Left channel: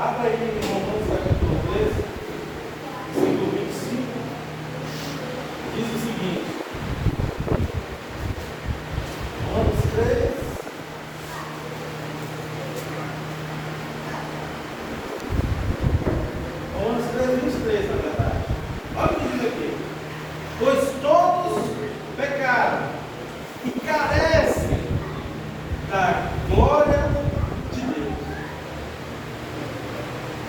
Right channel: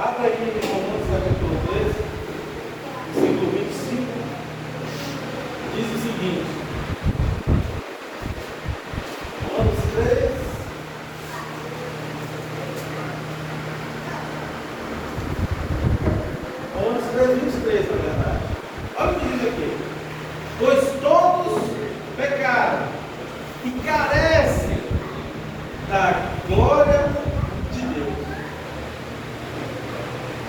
Abra aí em Romanos capítulo 13, versículo 25, diz o seguinte, Romanos 13, Romanos 13, 23, na verdade. Olha o que diz aqui. Pois todos pecaram e carecem da glória de Deus.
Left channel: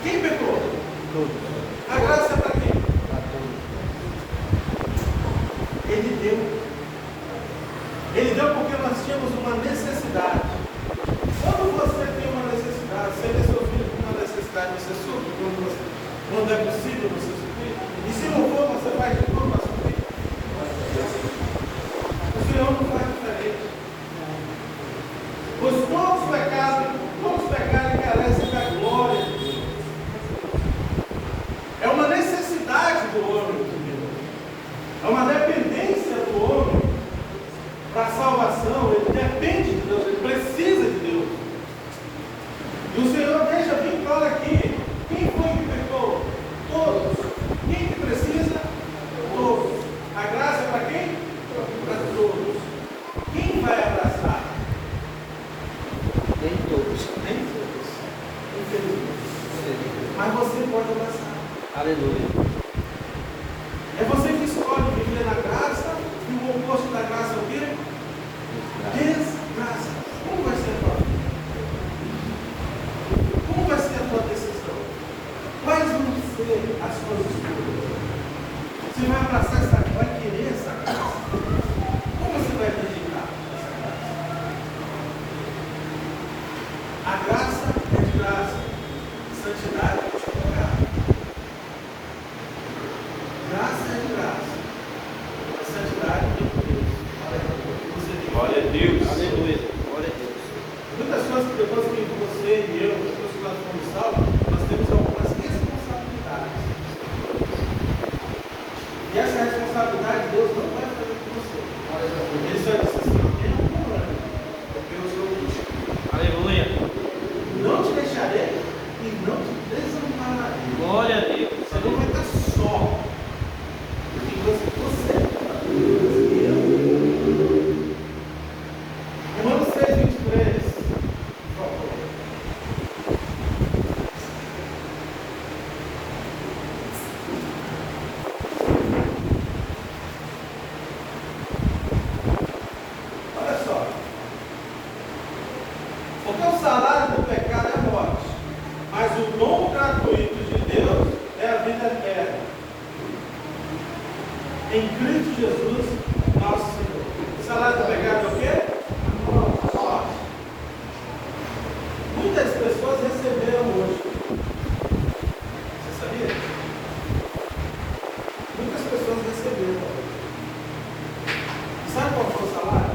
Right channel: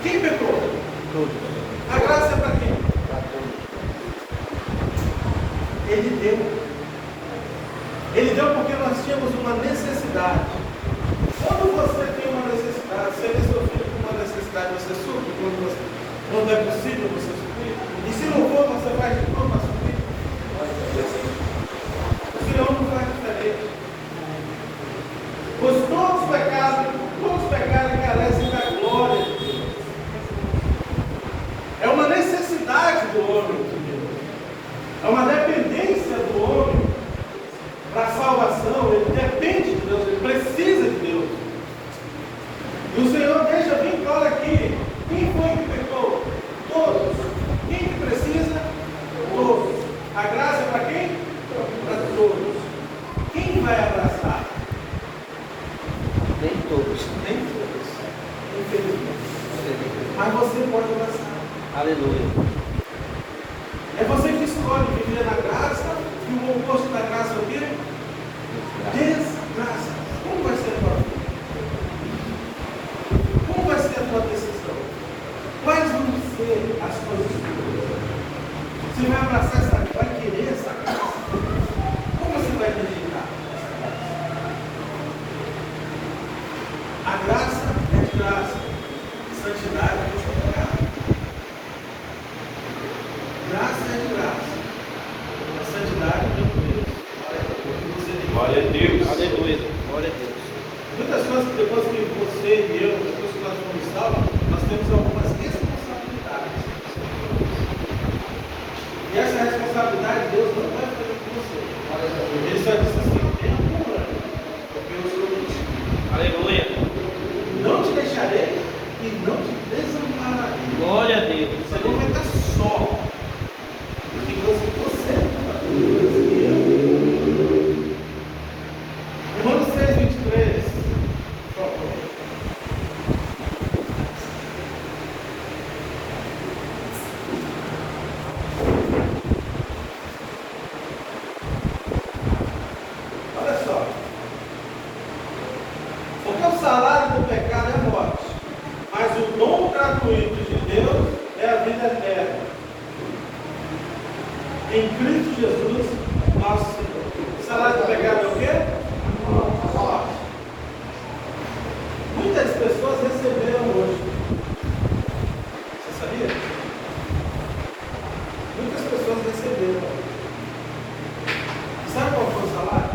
Quem pecou? Todos. A graça é para quem? Para todos. Ele deu. Ele deu porque nós tínhamos uma necessidade. Quando você tem uma necessidade, você vê seu filho com uma necessidade, você supre quando é possível você suprir. E se não for, você vai de tudo para suprir. O Senhor não faz diferente. Pois todos pecaram e carecem da glória de Deus. É uma necessidade do homem de Deus. É uma dependência do homem para a salvação. Ele depende de Deus, ele precisa de Deus. E o Senhor deixa bem claro aqui: quem foi que pecou? Todos. Quem que precisa? Todos. A graça é para quem? Para todos. Quem vai abraçar? Nem todos. Nem todos. Infelizmente. Mas você pode abraçar. Aleluia. É você que escolhe viver na graça, e o oposto da graça é o quê? Desgraça. Como vai ser a tua vida? Como vai ser a tua decisão? Quais vão ser as tuas escolhas? Você vai abraçar essa, vai querer essa graça? Como você vai rejeitar essa graça? A graça é de graça. Santidade é de pecado. Graça é de graça. A santidade é de Deus. Glória a Deus. Aleluia. Glória a Deus. Muitas coisas, depois que você e eu, depois que nós fomos salvos, nós temos algumas responsabilidades. E essa responsabilidade Deus não vai fazer com você. Ele só disse assim: eu não vou, porque eu sou contigo. Aleluia. Não te deixarei e não te desampararei. Glória a Deus. Você não vai estar só. Porque você Romanos 6, 23. Por favor. Olha só. Porque o salário do pecado é a morte, mas o dom gratuito de Deus é a vida eterna. Em Cristo Jesus, nosso Senhor. O salário do pecado é o quê? Morte. Muitas pessoas receberam hoje. Você sabia? Muitas pessoas receberam. Sabe qual foi o salário?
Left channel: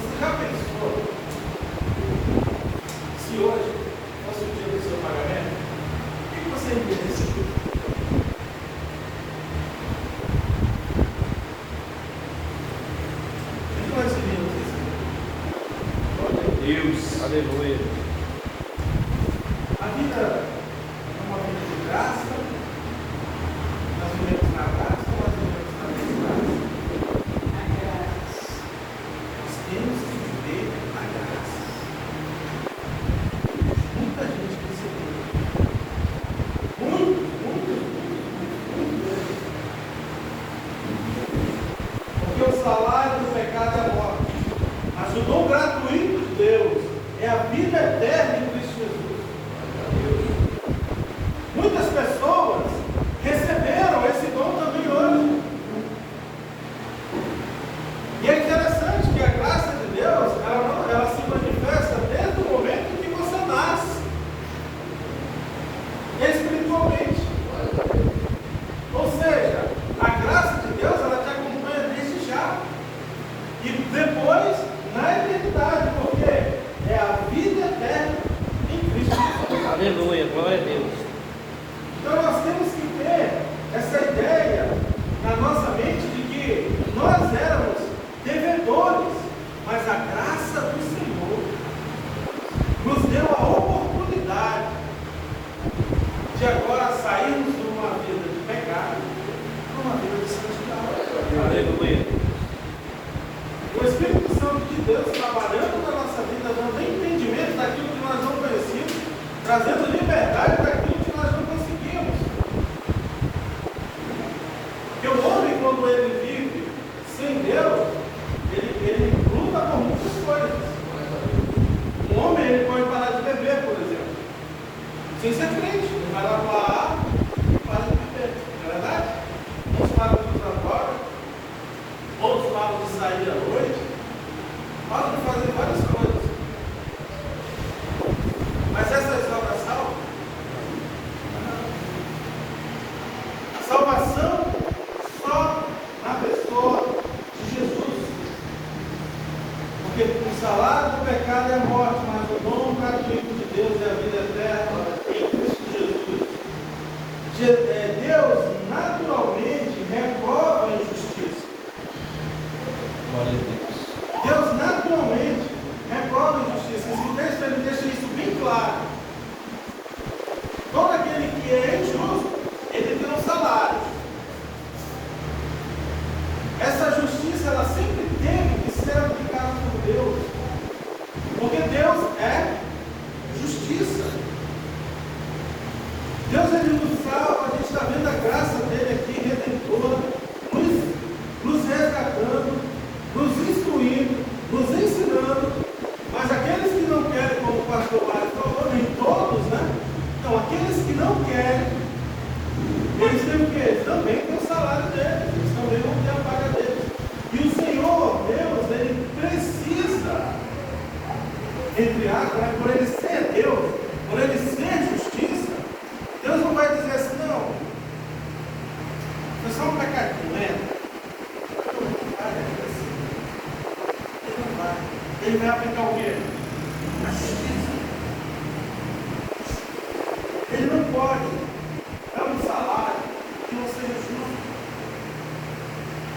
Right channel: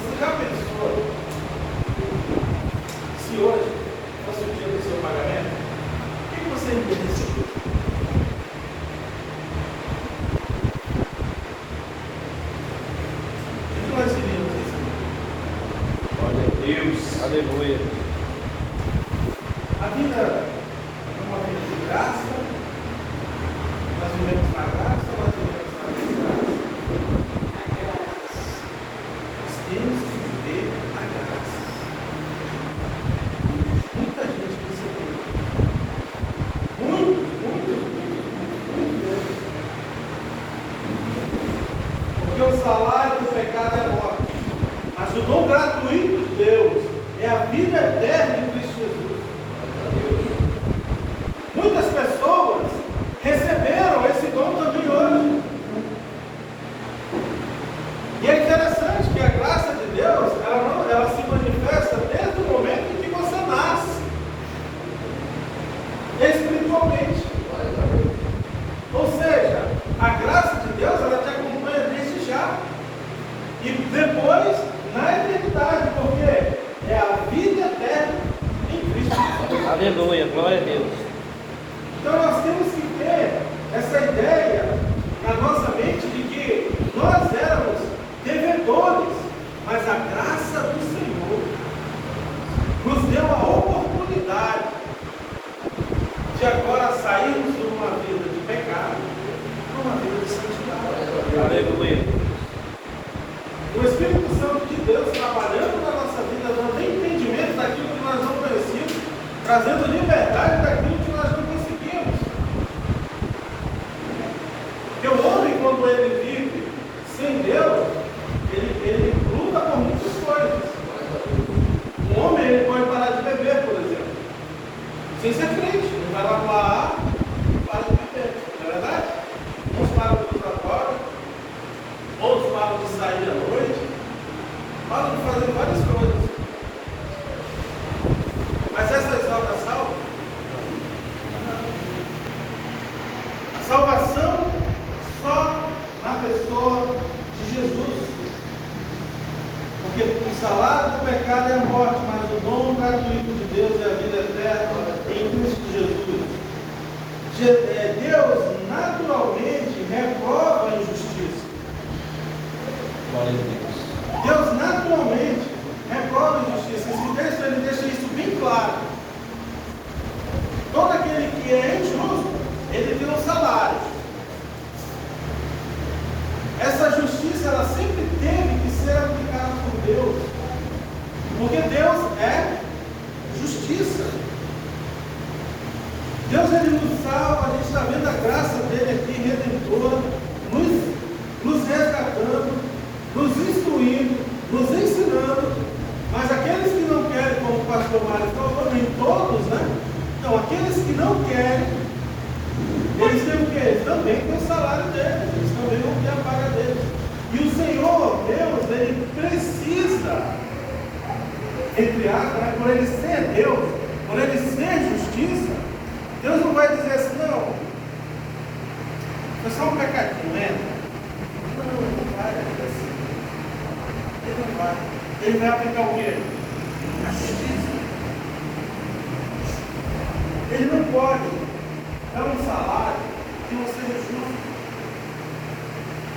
Você já pensou se hoje fosse o dia do seu pagamento, o que você iria receber? O que nós iríamos receber? Glória a Deus. Aleluia. A vida é uma vida de graça, nós vivemos na graça, nós vivemos na desgraça. Nós temos que viver na graça. Muita gente percebeu. Muito. Porque o salário do pecado é morte, mas o dom gratuito de Deus é a vida eterna em Cristo Jesus. Muitas pessoas receberam esse dom também hoje. E é interessante que a graça de Deus, ela se manifesta desde o momento que você nasce, espiritualmente. Ou seja, a graça de Deus, ela te acompanha desde já. E depois, na eternidade, porque é a vida eterna Aleluia. O Espírito Santo de Deus trabalhando na nossa vida, dando entendimento daquilo que nós não conhecíamos, trazendo liberdade daquilo que nós não conseguimos. Porque o homem, quando ele vive sem Deus, ele luta por muitas coisas. O homem ele pode parar de beber, por exemplo, sem ser crente. Ele vai lá para lá e para de beber. Não é verdade? Uns param de usar droga, outros param de sair à noite, param de fazer várias coisas. Mas essa exaltação, a salvação só na pessoa de Jesus. Porque o salário do pecado é a morte, mas o dom gratuito de Deus é a vida eterna em Cristo Jesus. Deus naturalmente reprova a injustiça. Glória a Deus. Deus naturalmente reprova a injustiça. Esse texto ele deixa isso bem claro. Todo aquele que é injusto, ele tem um salário. Essa justiça ela sempre teve que ser aplicada por Deus. Porque Deus é justiça. Deus ele nos salva, a gente está vendo a graça dele aqui, redentora, nos resgatando, nos instruindo, nos ensinando. Mas aqueles que não querem, como o pastor Mário falou, nem todos, né? Não, aqueles que não querem, eles têm o quê? Eles também têm o salário deles, eles também vão ter a paga deles. E o Senhor, Deus, ele precisa, entre aspas, né, por ele ser Deus, por ele ser justiça, Deus não vai dizer assim, não, foi só um pecadinho, né? Ele não vai. Ele vai aplicar o quê? A justiça. Ele não pode dar um salário que não seja justo.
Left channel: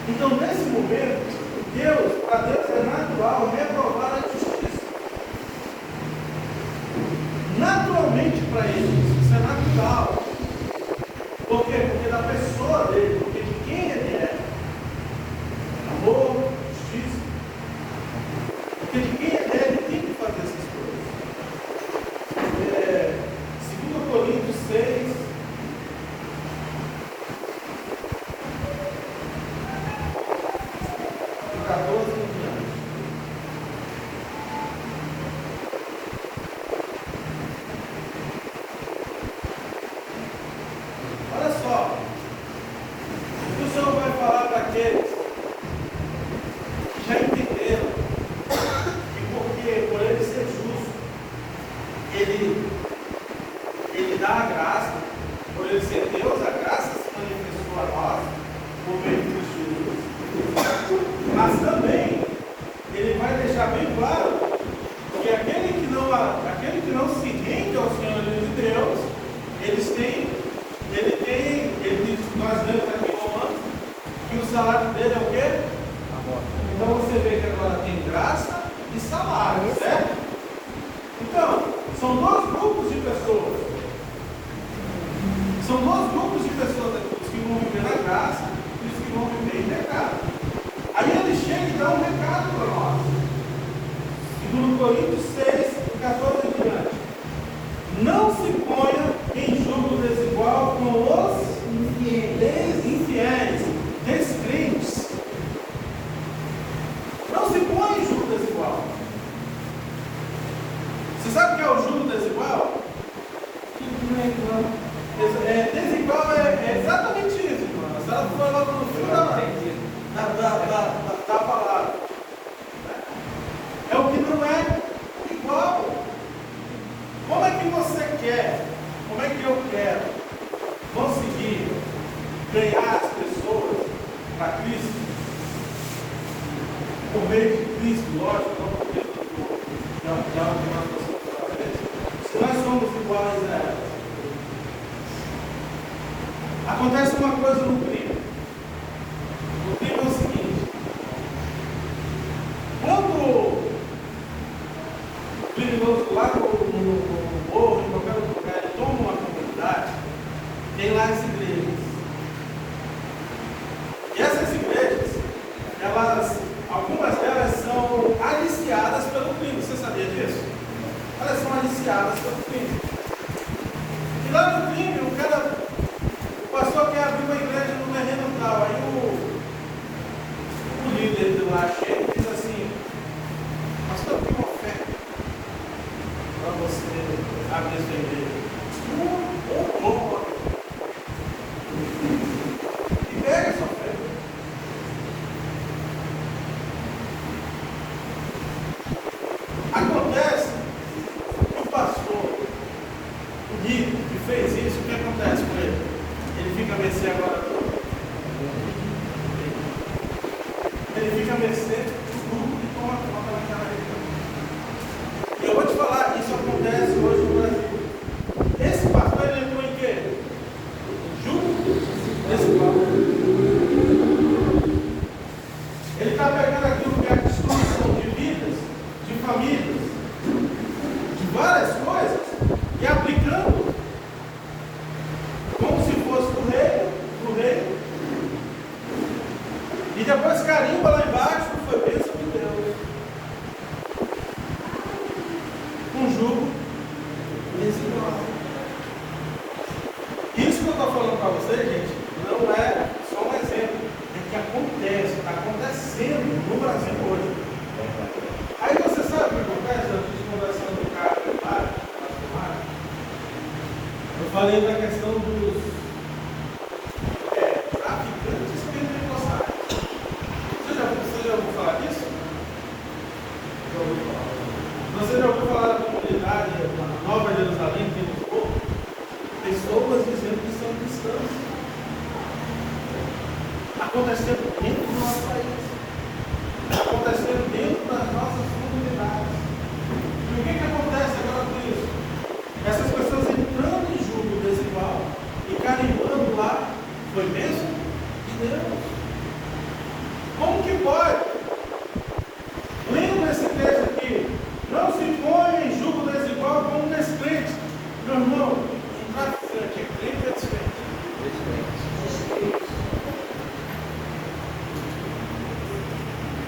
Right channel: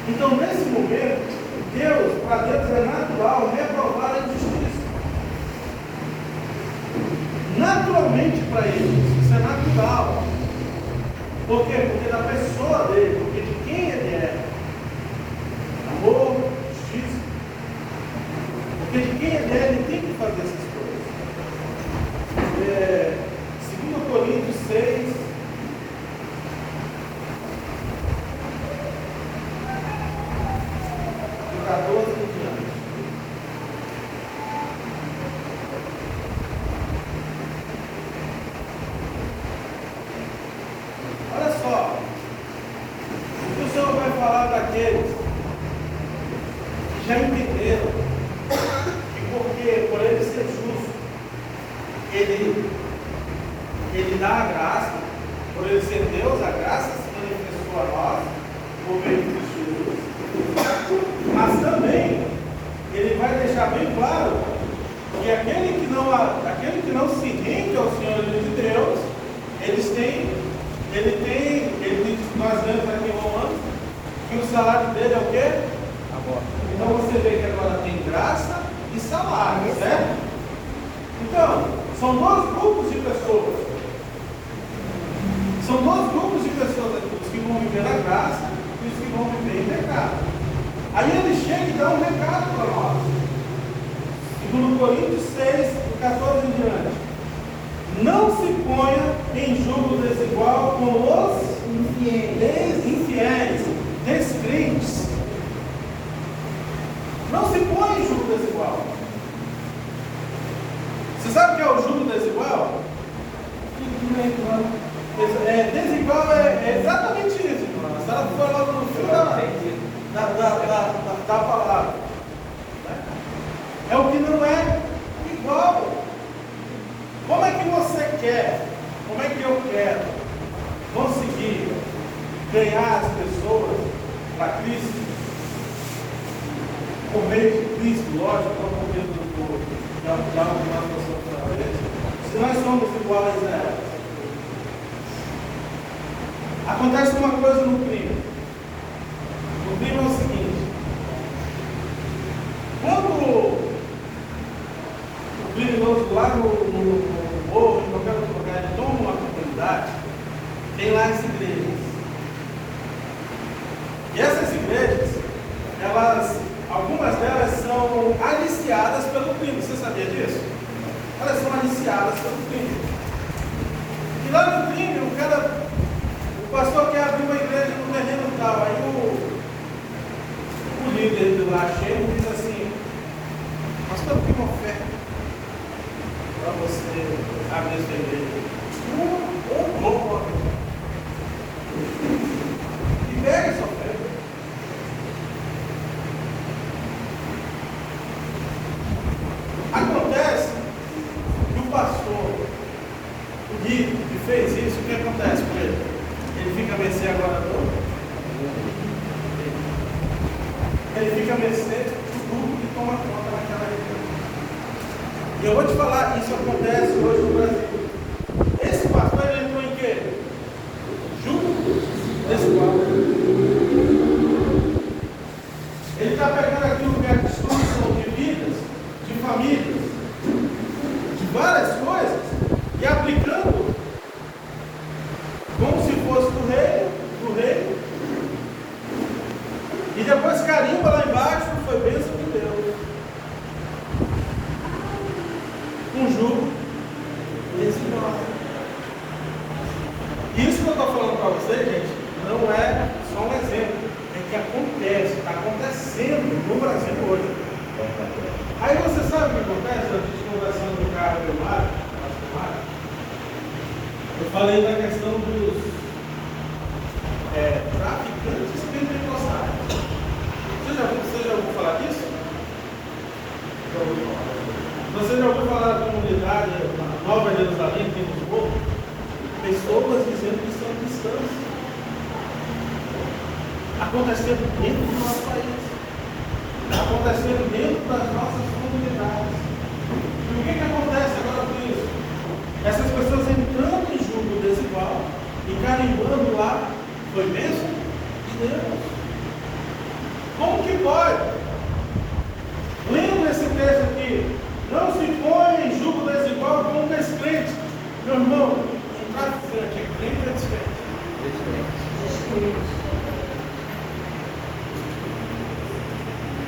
Então, nesse momento, Deus, para Deus é natural reprovar a justiça. Naturalmente para ele, isso é natural. Por quê? Porque da pessoa dele, porque de quem ele é, amor, justiça. Porque de quem ele é, ele tem que fazer essas coisas. 2 Coríntios 6, do 14 em diante. Olha só, o Senhor vai falar daqueles que já entenderam que porque por ele ser justo, ele dá a graça, por ele ser Deus, a graça se manifestou a nós, por meio de Cristo Jesus. Mas também, ele vai deixar bem claro que aquele que não se rende ao Senhor de Deus, nós vemos aqui em Romanos, que o salário dele é o quê? Então você vê que agora tem graça e salário, certo? Então, são dois grupos de pessoas. São dois grupos de pessoas aqui, os que vão viver na graça e os que vão viver em pecado. Aí ele chega e dá um recado para nós. 2 Coríntios 6, 14 em diante. Não se ponha em jogo desigual com os infiéis, descrentes. Não se põe em jogo desigual. Você sabe o que é o jogo desigual? Desigual é exatamente isso. Se ela for logo no fim da palavra. É o que não é igual. Como é que você quer? Como é que eu quero conseguir ganhar as pessoas para Cristo? Por meio de Cristo, lógico, não por meio da motivação da igreja. Se nós somos iguais a ela. Acontece uma coisa no crime. O crime é o seguinte: quando o criminoso lá no morro, em qualquer outro lugar, ele toma uma comunidade, tem lá as igrejas. E essas igrejas, achei e diz assim: pastor, tem uma oferta para você abrir essa igreja. E pega essa oferta. Acontece que o pastor, o Gui, que fez isso, o que acontece com ele? Ele fica a mercê agora toda. Ele fica a mercê do grupo que toma conta naquela região. Eu vou te falar, isso acontece hoje no Brasil. Esse pastor ele entrou em quê? Junto desigual. Ele está pegando aquilo que é a destruição de vidas, de famílias, de várias coisas, e aplicando como se fosse do rei, e depois carimba lá embaixo, foi bênção de Deus. Um jugo desigual. Isso que eu estou falando para vocês, gente, não é só um exemplo, é que acontece, está acontecendo no Brasil hoje. Aí você sabe o que acontece? Eu estou conversando no carro, eu falei da questão dos traficantes pentecostais. Você já ouviu falar disso? Você já ouviu falar da comunidade Nova Jerusalém, que nos povo? Pessoas dizendo que são cristãs. Acontecendo dentro do nosso país. Acontecendo dentro das nossas comunidades. E o que acontece agora com isso? Essas pessoas entrando em julgo desigual e carimbando lá, foi mesmo? De Deus. Como que pode? Lendo esse texto aqui, não se põe em julgo desigual com um descrente. Meu irmão, um traficante é crente ou é descrente?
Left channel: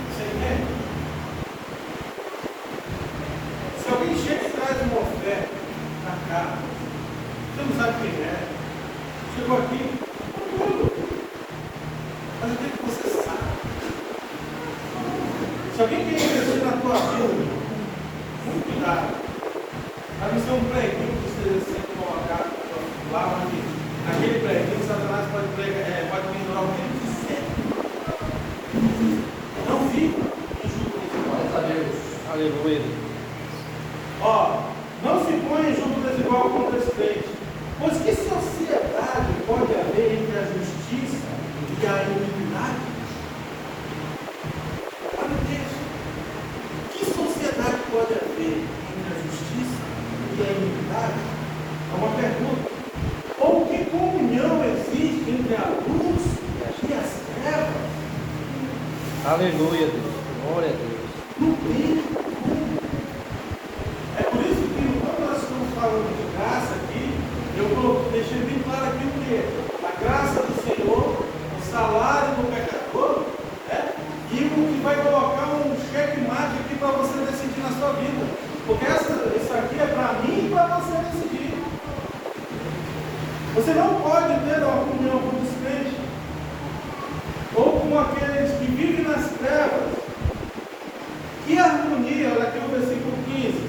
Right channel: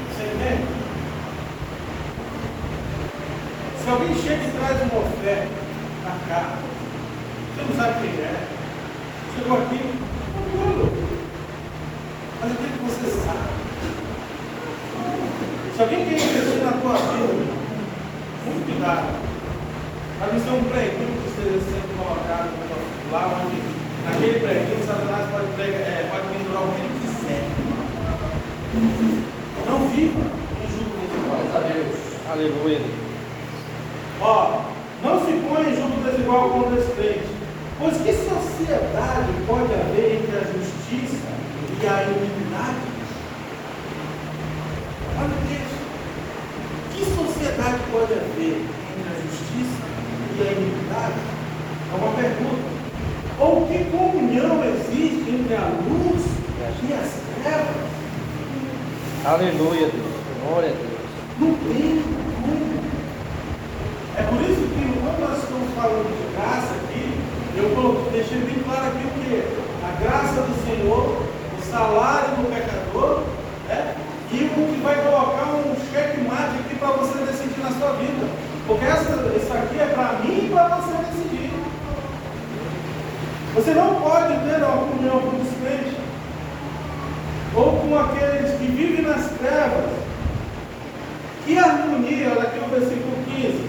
Você entende? Se alguém chega e traz uma oferta na casa, você não sabe quem é, chegou aqui, com tudo. Mas o que você sabe? Se alguém quer investir na tua vida, muito cuidado. Para não ser um preguinho que esteja sendo colocado lá onde, naquele preguinho, Satanás pode pendurar o que quiser. Não fica em julgo desigual. Graças a Deus. Aleluia. Ó, não se põe em julgo desigual com despeito. Pois que sociedade pode haver entre a justiça e a iniquidade? Olha isso. Que sociedade pode haver entre a justiça e a iniquidade? É uma pergunta. Ou que comunhão existe entre a luz e as trevas? Aleluia, Deus. Glória a Deus. Não tem como. É por isso que quando nós estamos falando de graça aqui, eu deixei bem claro aqui que a graça do Senhor, o salário do pecador, e o que vai colocar um checkmate aqui para você decidir na sua vida. Porque isso aqui é para mim e para você decidir. Você não pode ter alguma comunhão com os crentes ou com aqueles que vivem nas trevas. Que harmonia, aqui no versículo 15,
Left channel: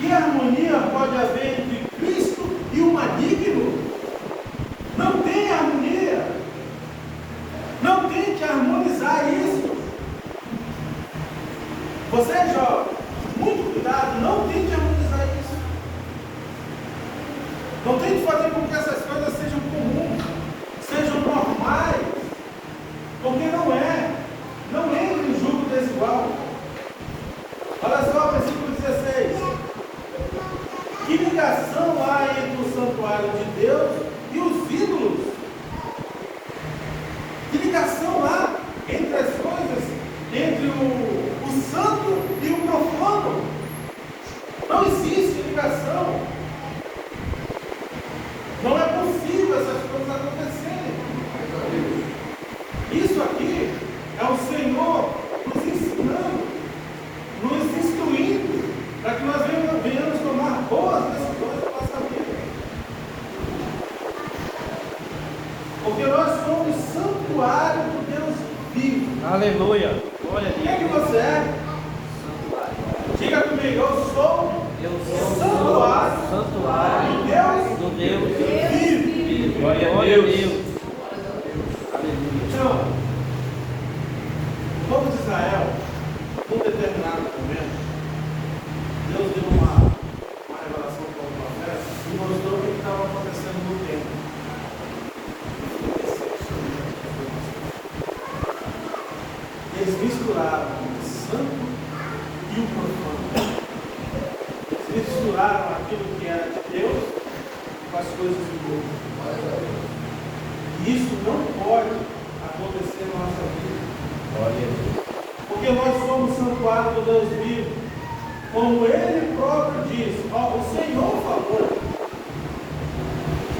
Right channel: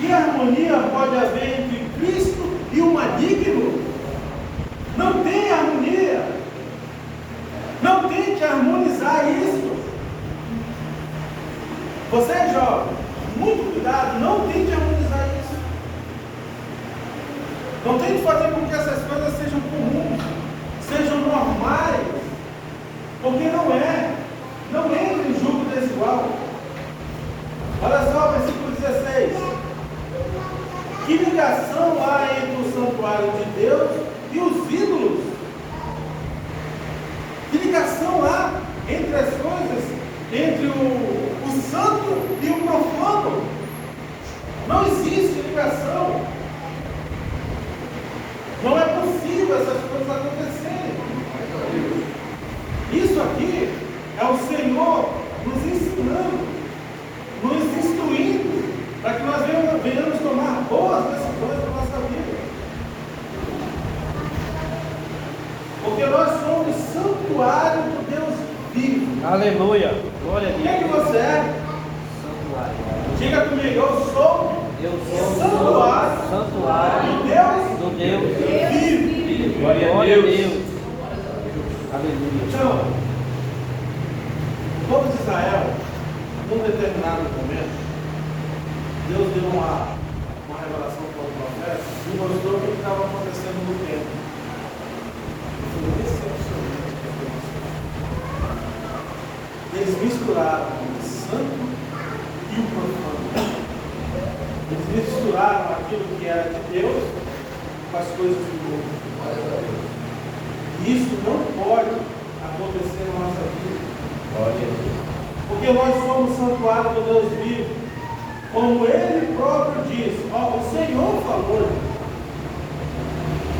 que harmonia pode haver entre Cristo e o maligno? Não tem harmonia. Não tente harmonizar isso. Você é jovem, muito cuidado, não tente harmonizar isso. Não tente fazer com que essas coisas sejam comuns, sejam normais, porque não é. Não entra em julgo desigual. Olha só, versículo 16. Que ligação há entre o santuário de Deus e os ídolos? Que ligação há entre as coisas, entre o santo e o profano? Não existe ligação. Não é possível essas coisas acontecerem. Isso aqui é o Senhor nos ensinando, nos instruindo, para que nós venhamos tomar boas decisões da nossa vida. Porque nós somos santuário do Deus vivo. Aleluia. Glória a Quem que Deus. você é? Diga comigo, eu sou Eu o sou o santuário do Deus vivo. Glória a Deus. Aleluia. Então, o povo de Israel, num determinado momento, Deus deu uma revelação para o profeta e mostrou o que estava acontecendo no templo. Eles misturaram o santo e o profano. Eles misturaram aquilo que era de Deus com as coisas do mundo. E isso não pode acontecer na nossa vida. Glória a Deus. Porque nós somos santuário do Deus vivo. Como Ele próprio disse, o Senhor falou,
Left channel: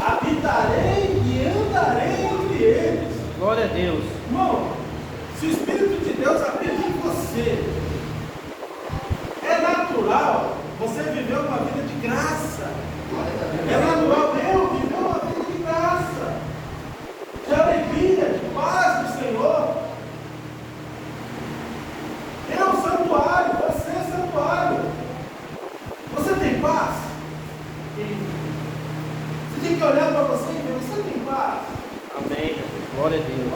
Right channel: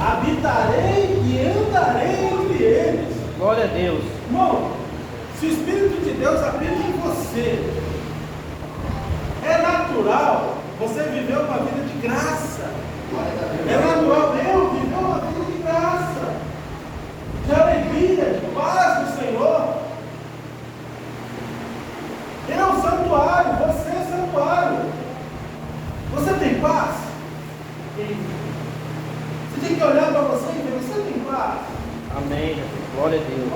habitarei e andarei entre eles. Glória a Deus. Irmão, se o Espírito de Deus habita em você, é natural você viver uma vida de graça. É natural eu viver uma vida de graça, de alegria, de paz do Senhor. Eu é santuário, você é santuário. Você tem paz? Você tem que olhar para você e dizer, você tem paz? Amém. Glória a Deus.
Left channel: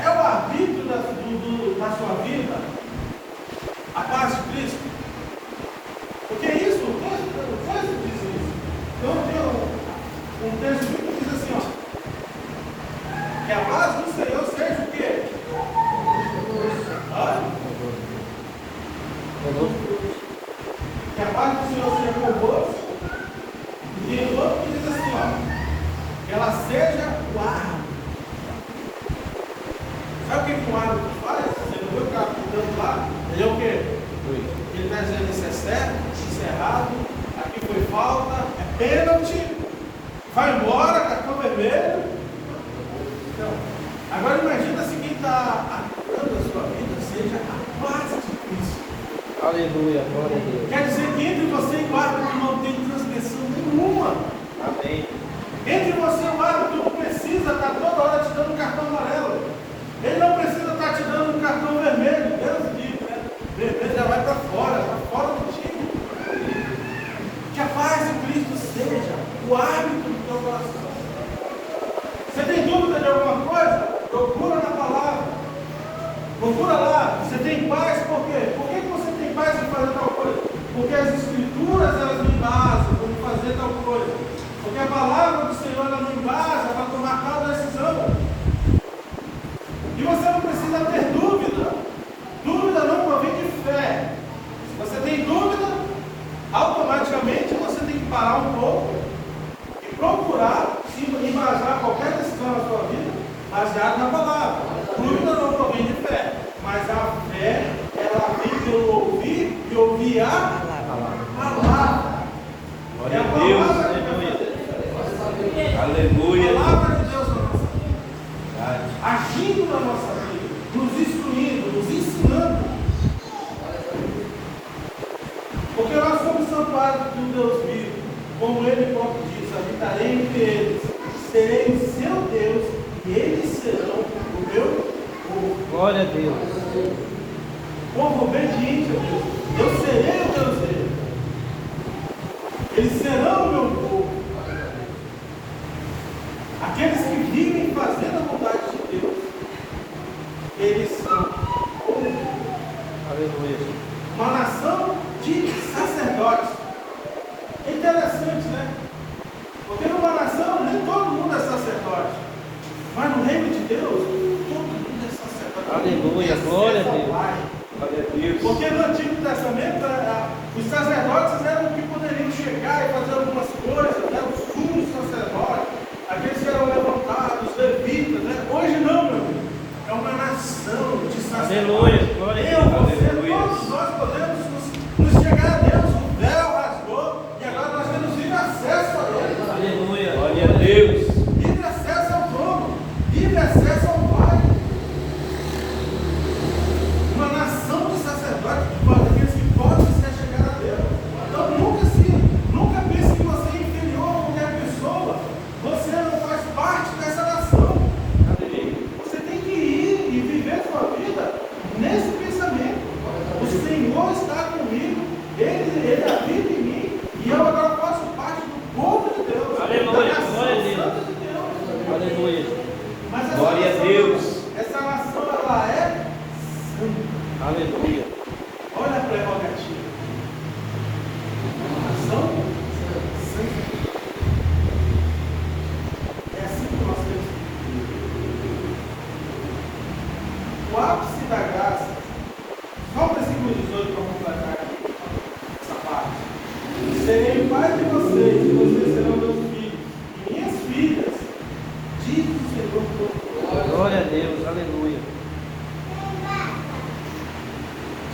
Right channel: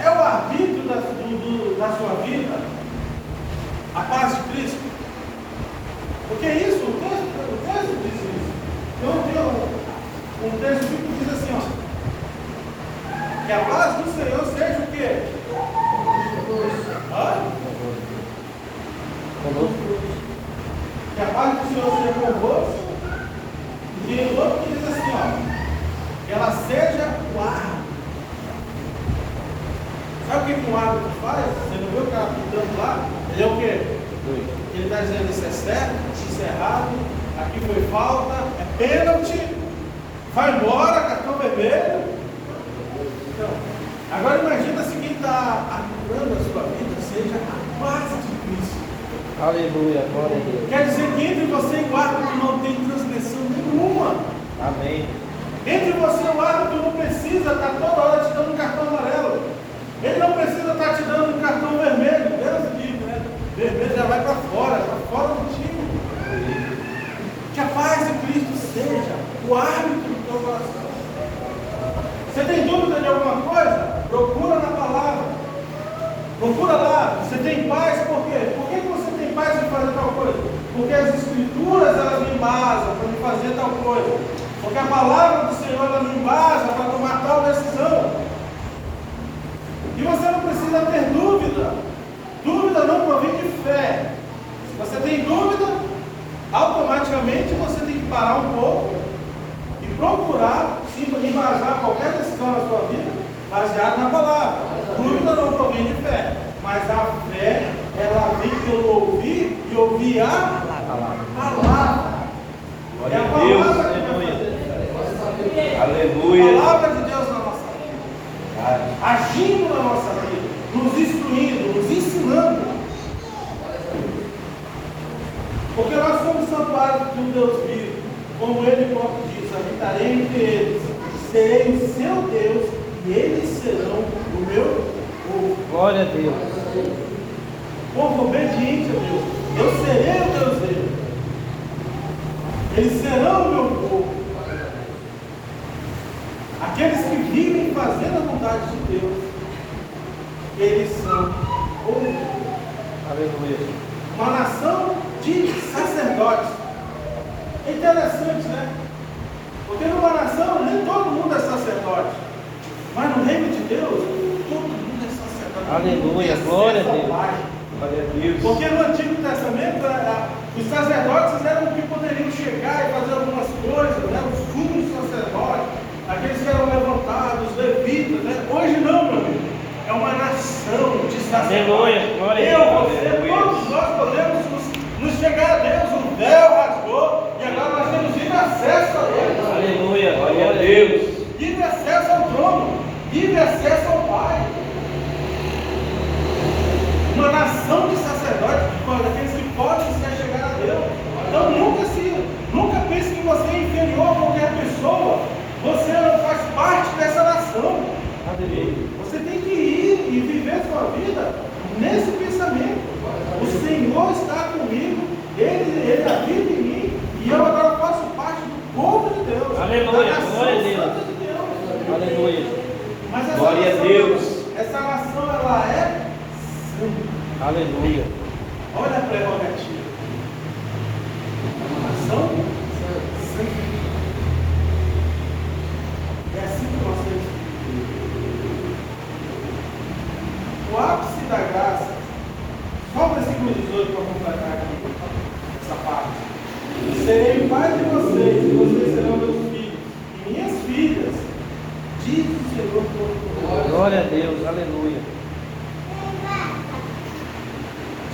É o arbítrio da sua vida, a paz de Cristo. Porque isso, o texto diz isso. Eu vi um texto que diz assim, ó, que a paz do Senhor seja o quê? Que a paz do Senhor seja convosco. E o outro que diz assim, ó, que ela seja o árbitro. Sabe o que um árbitro faz? Você não viu o cara apontando lá? Ele é o quê? Ele está dizendo isso é certo, isso é errado, aqui foi falta, é pênalti, vai embora, cartão vermelho. Agora imagina se quem está atuando a sua vida seja a paz de Cristo. Aleluia. Glória a Deus. Quer dizer que entre você e o árbitro não tem transgressão nenhuma. Amém. Entre você e o árbitro não precisa estar toda hora te dando um cartão amarelo. Ele não precisa estar te dando um cartão vermelho. Deus livre, né? Vermelho já vai para fora do time. Que a paz de Cristo seja o árbitro do teu coração. Você tem dúvida de alguma coisa? Procura na palavra. Procura lá. Você tem paz por quê? Por que você tem paz em fazer tal coisa? Porque as escrituras elas me embasam para fazer tal coisa. Porque a palavra do Senhor ela me embasa para tomar tal decisão. E você não precisa ter dúvida. Dúvida não provém de fé. Se você tem dúvida, automaticamente você tem que parar um pouco e procurar embasar qualquer decisão na sua vida baseada na palavra. Dúvida não provém de fé. Mas a fé, ela vem pelo ouvir e ouvir a palavra. Glória a Deus. Aleluia. A palavra de Deus na nossa vida, agindo na nossa vida, nos instruindo, nos ensinando. Porque nós somos santuário do Deus vivo, como Ele próprio diz, habitarei entre eles, serei seu Deus e eles serão o meu povo. Glória a Deus. Povo obediente a Deus. Eu serei o Deus deles. Eles serão o meu povo. Aqueles que vivem fazendo a vontade de Deus, eles são o povo. Aleluia. Uma nação de sacerdotes. É interessante, né? Porque numa nação nem todo mundo é sacerdote. Mas no reino de Deus, todo mundo é sacerdote. Aleluia. Glória a Deus. Glória a Deus. Porque no Antigo Testamento, os sacerdotes eram que poderiam chegar e fazer algumas coisas, né? Os sumos sacerdotes, aqueles que eram levantados, levitas, né? Hoje não, meu amigo. É uma nação de sacerdotes. Aleluia. Glória a Deus. Você, todos nós podemos nos chegar a Deus. O véu rasgou e agora nós temos livre acesso a Ele. Aleluia. Glória a Deus. Livre acesso ao trono. Livre acesso ao Pai. Uma nação de sacerdotes, aqueles que podem se chegar a Deus. Então nunca pense que você é inferior a qualquer pessoa. Você não faz parte dessa nação. Mas Glória a Deus. Essa nação, ela é santa. Aleluia. Olha a prerrogativa. Uma nação santa. É assim que nós temos que viver. O ápice da graça, só o versículo 18 para completar aqui, essa parte. Serei pai de vocês, e vocês serão meus filhos, e minhas filhas, diz o Senhor Todo-Poderoso. Glória a Deus. Aleluia.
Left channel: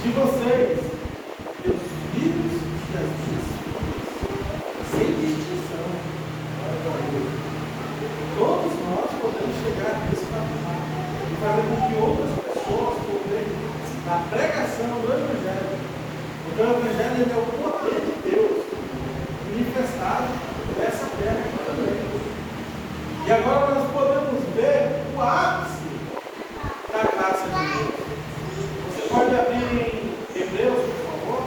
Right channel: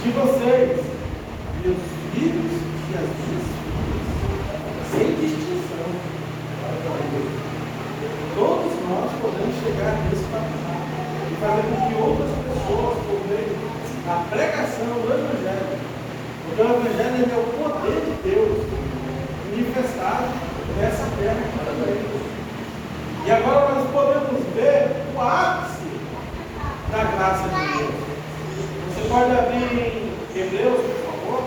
De vocês, meus filhos e as minhas filhas, sem distinção. Todos nós podemos chegar nesse patamar e fazer com que outras pessoas, por meio da pregação do Evangelho, porque o Evangelho é o poder de Deus manifestado nessa terra também. E agora nós podemos ver o ápice da graça de Deus. Você pode abrir em Hebreus, por favor?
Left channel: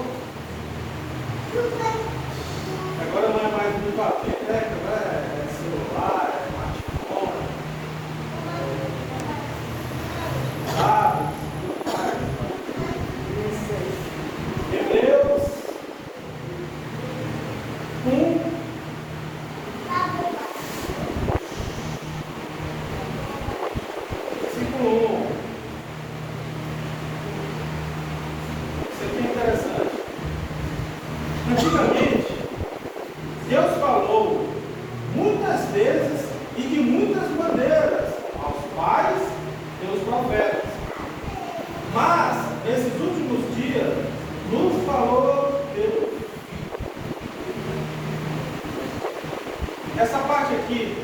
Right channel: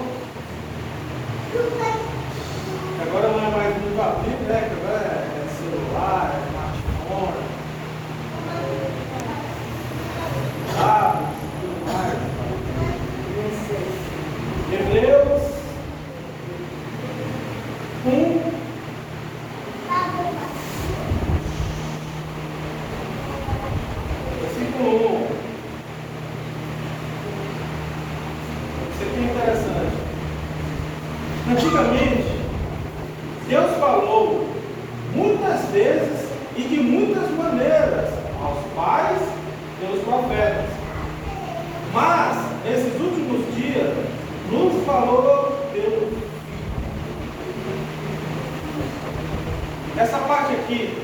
Agora não é mais no papel, né? Agora é celular, é smartphone. Hebreus 1. Versículo 1. Isso aqui é interessante. Antigamente, Deus falou muitas vezes e de muitas maneiras aos pais e aos profetas. Mas, nesses últimos dias, nos falou Deus. Essa parte aqui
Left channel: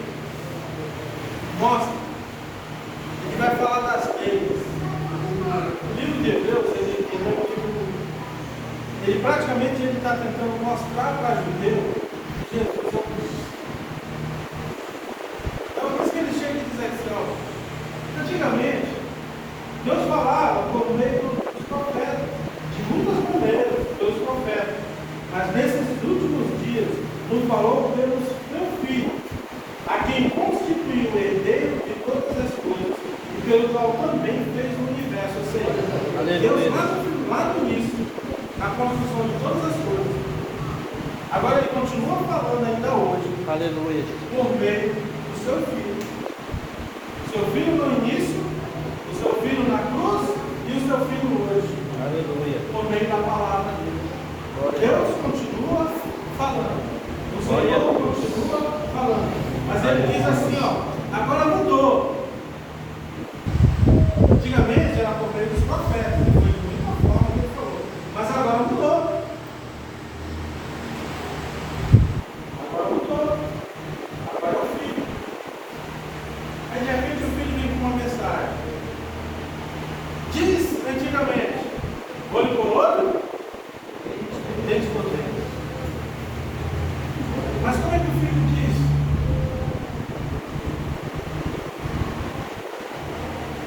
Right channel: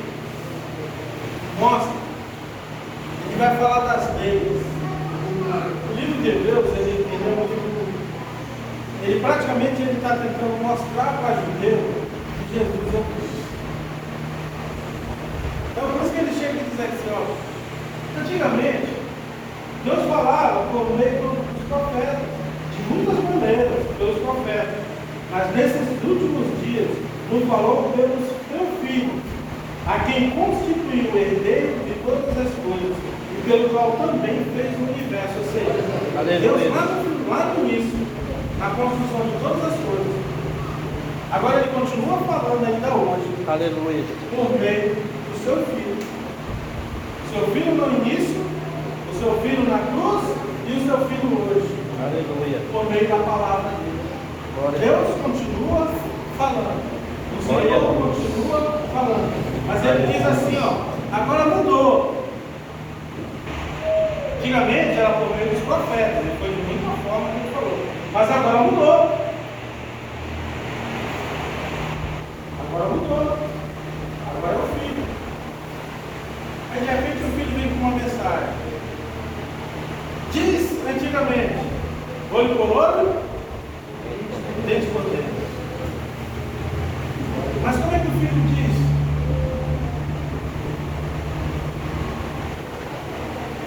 mostra, a gente vai falar das leis. O livro de Hebreus, ele praticamente está tentando mostrar para judeu Jesus é o Cristo. Então, por isso que ele chega e diz assim, ó, antigamente, Deus falava por meio dos profetas, de muitas maneiras, pelos profetas. Mas nesses últimos dias, nos falou pelos teu filho, a quem constituiu o herdeiro de todas as coisas, e pelo qual também fez o universo. Ou seja, Aleluia. Deus lá no início, na construção de todas as coisas. Agora ele continua falando ainda hoje, Aleluia. por meio do seu filho. O seu filho no início, o seu filho na cruz e o seu filho hoje, Aleluia. por meio da palavra dele. Glória a Deus Deus. continua falando. O Glória a Senhor Deus. continua falando. Mas ele diz assim, ó, agora mudou. Antigamente era por meio dos profetas, ele foi da mesma forma que ele falou. Mas agora mudou. Agora mudou. Agora é o filho. Aí de repente o filho vem com uma mensagem. Diz antigamente, olho por olho, dente por dente. Mas como é que o filho diz?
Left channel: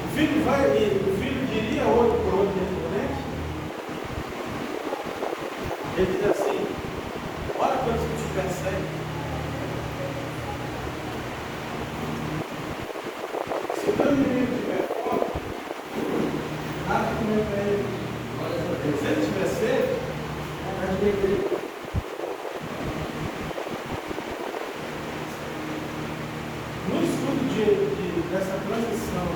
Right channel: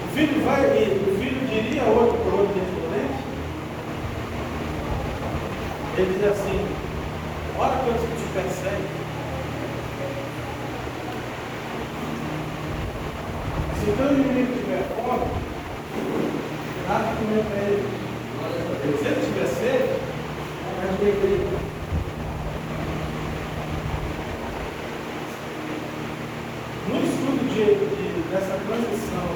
O filho diria olho por olho, dente por dente? Ele diz assim, olha quanto te persegue. Se o teu inimigo tiver fome, nada comer para ele. Se ele tiver sede, vai beber. No estudo dessa transição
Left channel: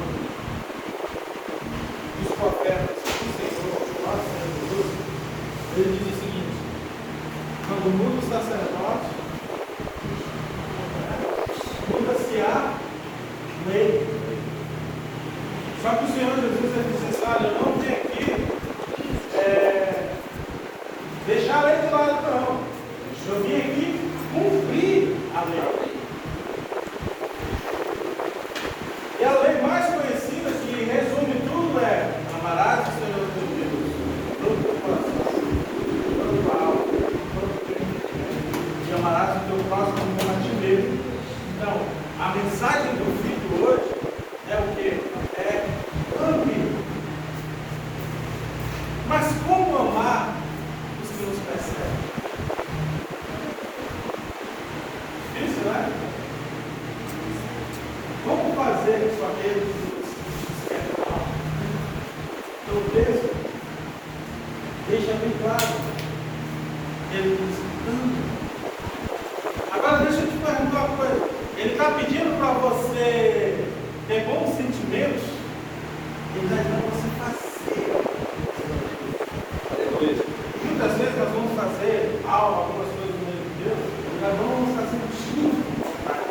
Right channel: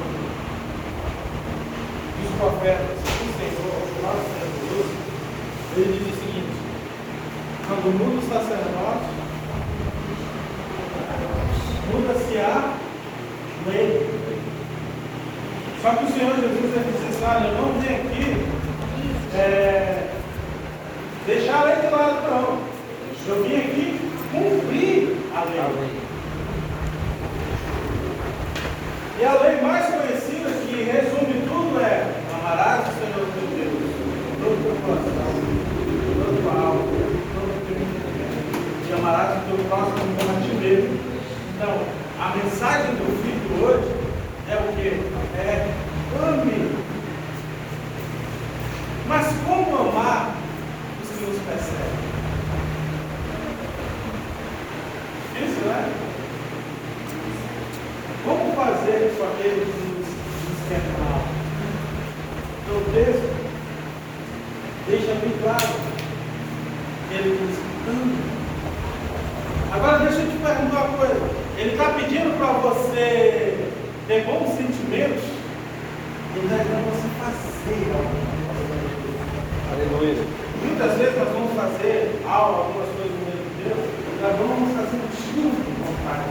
dos profetas do Senhor, nosso Senhor Jesus, ele diz o seguinte: quando muda o sacerdote, muda-se a lei. Só que o Senhor Jesus ele disse assim: olha, eu não vim aqui deixar a lei do lado, não. Eu vim aqui cumprir a lei. E a lei mais conhecida, que resume tudo, é: amarás o Senhor teu Deus, todo teu coração, toda tua alma, todo teu entendimento, e amarás o teu próximo como a ti mesmo. Então, a mensagem do Filho hoje é o quê? É ame. Mas como amar os que nos perseguem? Isso, né? Como fazer com aqueles infernal. Então o texto deixa bem claro. Ele diz, anda. Agora deixa eu te perguntar uma coisa. Ele está pedindo para você ter bons sentimentos. Ele está dizendo para você fazer. Aleluia. Muitas vezes nós vamos fazer aula, algumas coisas no meio de Deus, nós vamos fazer junto com o Pai.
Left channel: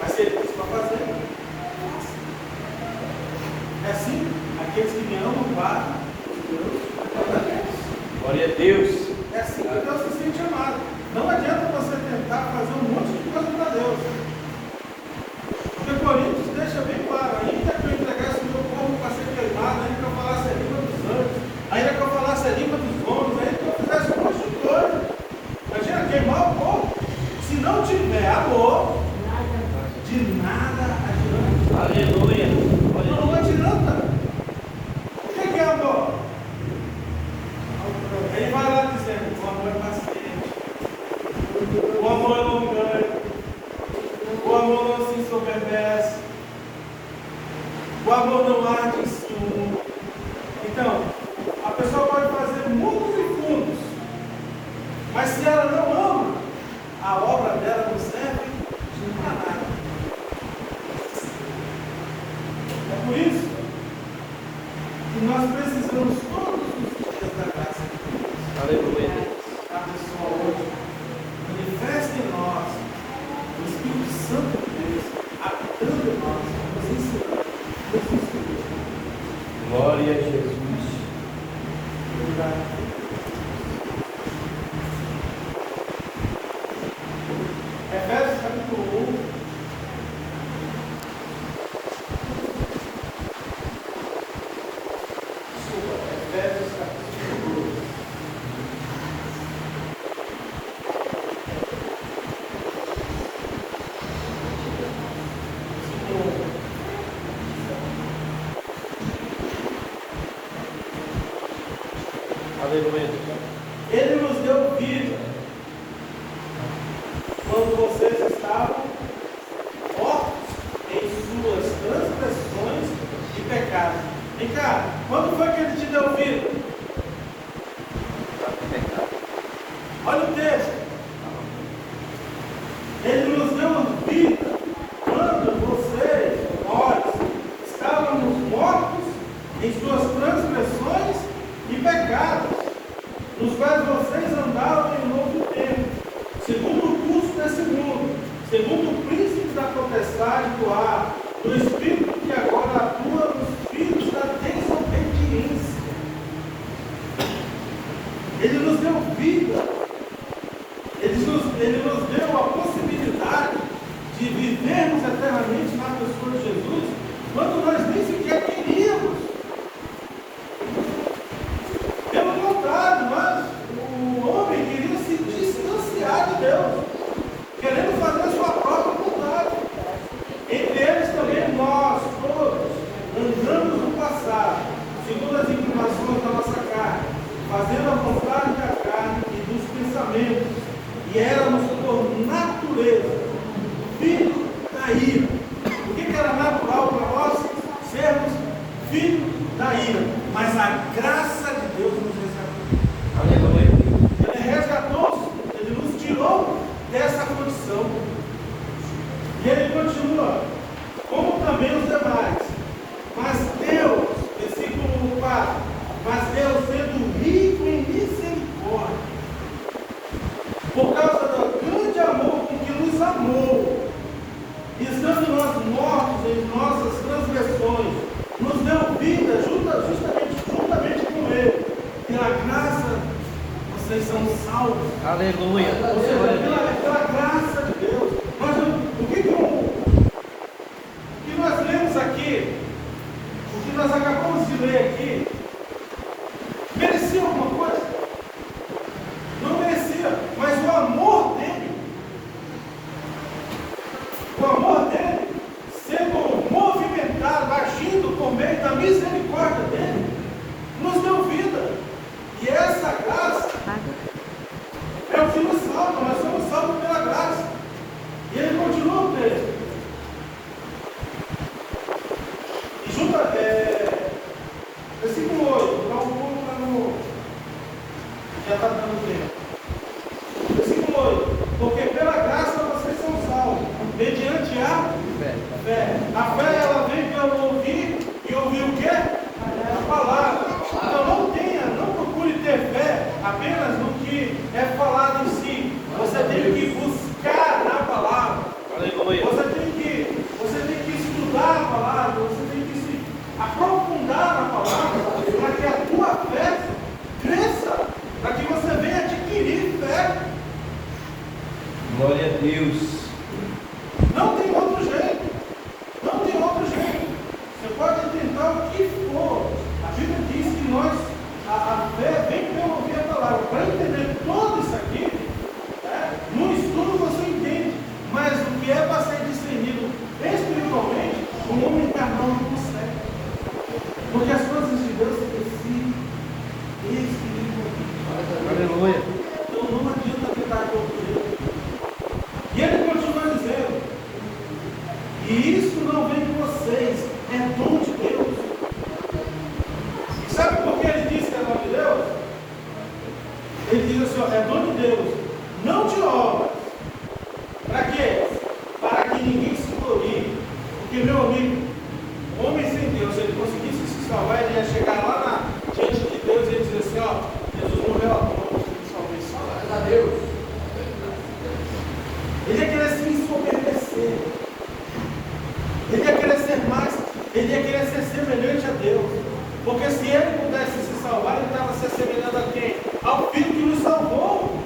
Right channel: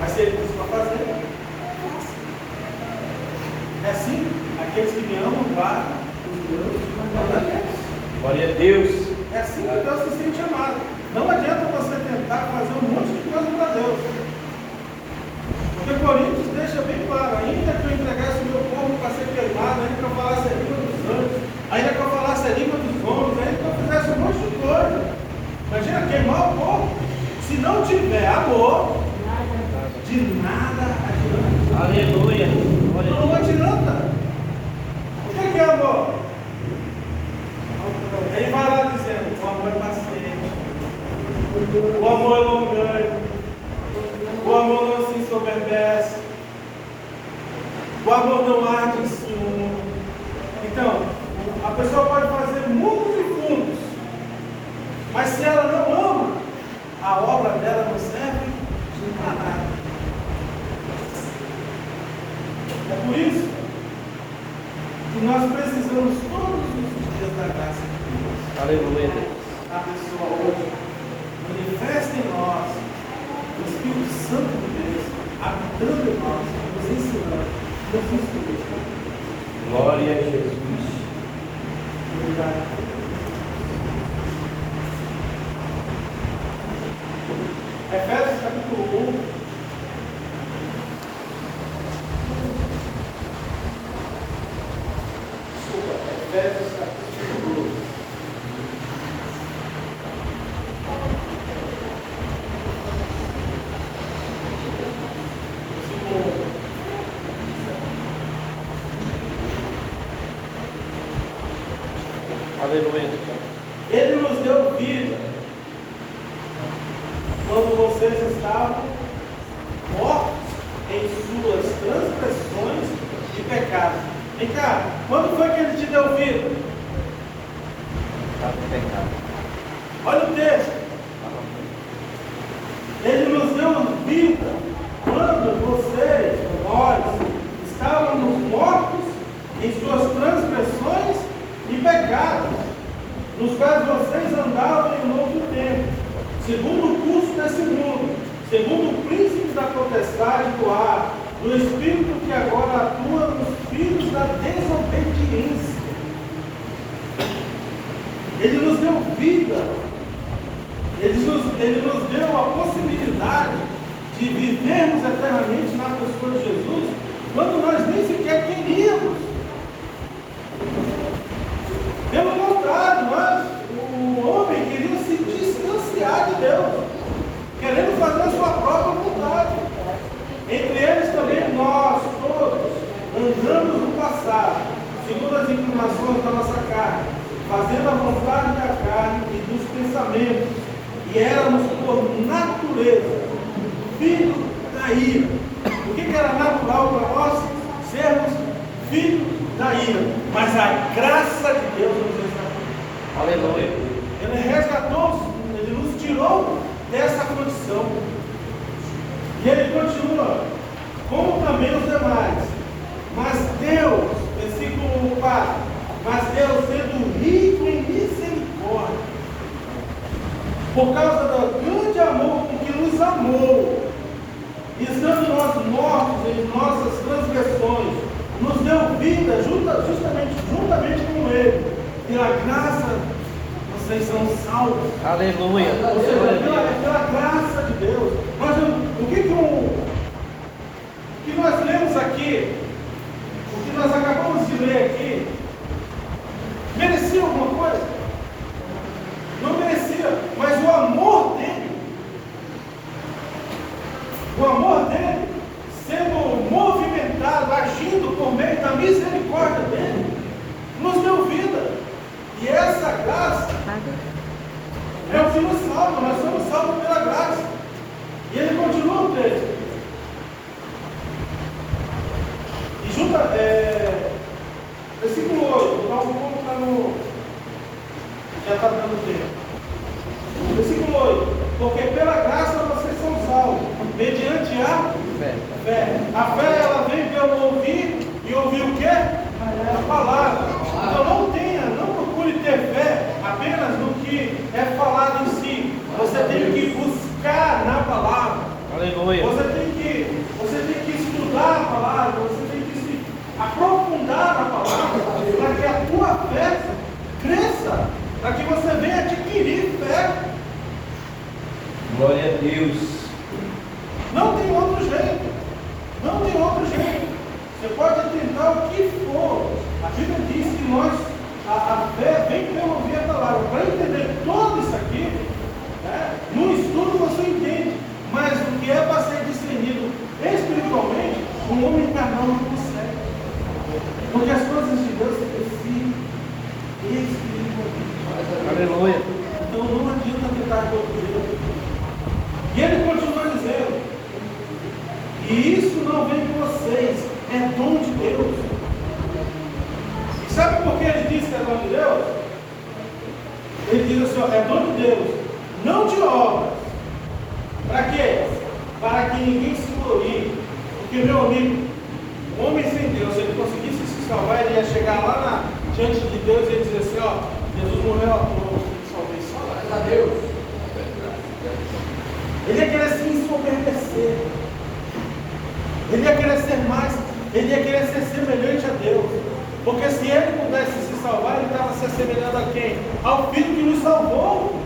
Mas se ele diz para fazer, é assim, aqueles que me amam, guardam os Deus, Glória a Deus. é assim que Deus se sente amado. Não adianta você tentar fazer um monte de coisa para Deus. Porque Coríntios deixa bem claro, ainda que eu entregasse meu corpo para ser queimado, ainda que eu falasse a língua dos anjos, ainda que eu falasse a língua dos homens, ainda que eu fizesse um monte de coisa. Imagina queimar o corpo. Se não tiver amor, de nada adianta. Aleluia. Não adianta. O que é amor? Ele vai lá dizendo, o amor é paciente, o amor não ganha, o amor não se ensoberbece, o amor não arde em ciúme. Então, a pessoa pode fazer mundos e fundos, mas se ela não ama, a obra dela não serve de nada. É por isso que nós precisamos todos os dias da graça de Deus. Aleluia. Abençoa hoje. Manifesta em nós o Espírito Santo de Deus, habitando em nós, nos ensinando, nos instruindo. Glória a Jesus. Obrigado. Efésios capítulo 1. Efésios capítulo 1. Aleluia. Ele nos deu vida quando vocês estavam mortos em suas transgressões e pecados. Vem cá, quando foi que ele te deu vida? Está com pecado. Olha o texto. Ele nos deu vida quando vocês, nós, estávamos mortos em suas transgressões e pecados, nos quais vocês andavam em outro tempo, segundo o curso desse mundo, segundo o príncipe da potestade do ar, do espírito que agora atua nos filhos da desobediência. Ele nos deu vida, ele nos deu a possibilidade de vivermos eternamente na pessoa de Jesus, quando nós nem sequer queríamos. Pelo contrário, o homem queria se distanciar de Deus, querendo fazer a sua própria vontade. Entre eles também nós, todos, andamos no passado, segundo as inclinações da nossa carne, fazendo a vontade da carne e dos pensamentos, e éramos por natureza filhos da ira. O que era natural para nós? Sermos filhos da ira. Mas a graça de Deus nos resgatou. Aleluia. Ele resgatou, ele nos tirou dessa condição. E ele continua, como também os demais. Mas Deus, versículo 4, mas Deus sendo rico em misericórdia, por causa do grande amor com que nos amou, e estando nós mortos em nossas transgressões, nos deu vida juntamente com Ele. Pela graça, vocês são salvos. Aleluia. Ou seja, pela graça de Deus. Mas o que nós lemos aqui, o que nós acabamos de ler aqui, merecia alguma coisa? Não merecia, mas o amor dele, sendo movimentado, agindo por meio da misericórdia dele, nos deu vida. E essa graça é o que nos salva, nós somos salvos pela graça. E ele continua o texto. Versículo 8, então vou colocar no. Já está dando tempo. Versículo 8: porque pela graça vocês são salvos, mediante a fé. A fé ela vem pelo ouvir, e ouvir o quê? A palavra. Então não procure ter fé apenas no que é falado em si. Você tem que buscar na palavra. Aleluia. Você tem que estudar a palavra, você tem que se aprofundar na palavra, para que a tua fé cresça, para que você venha adquirir fé. Glória a Deus. Não tem outro jeito. Não tem outro jeito. Você pode tentar o que for. A Bíblia diz que a fé vem pelo ouvir a palavra. Para entender tudo isso aqui, no estudo você entende. Mas o que é para ser discernido espiritualmente, o homem carnal não consegue. Porque as coisas de Deus se precisam espiritualmente. Aleluia. Então não adianta tentar compreender. E ele continua dizendo: e isso não vem de vocês, é dom de Deus. E sabe por que ele diz que é dom de Deus? Ele diz assim: ó, é dom de Deus, não de obras. Para quê? Para que ninguém se glorie. Porque, meu amigo, o homem sem Deus, se ele conseguisse se salvar, ele ia chegar lá diante de Deus e dizer assim: ó, Jesus morreu à toa, salvação, a Deus. Ele ia querer se ensoberbecer. Ele ia querer ser mais, ele ia querer ser semelhante a Deus. Porque se ele pudesse se salvar, ele estava se assemelhando a quem? Ao Filho que nos salvou.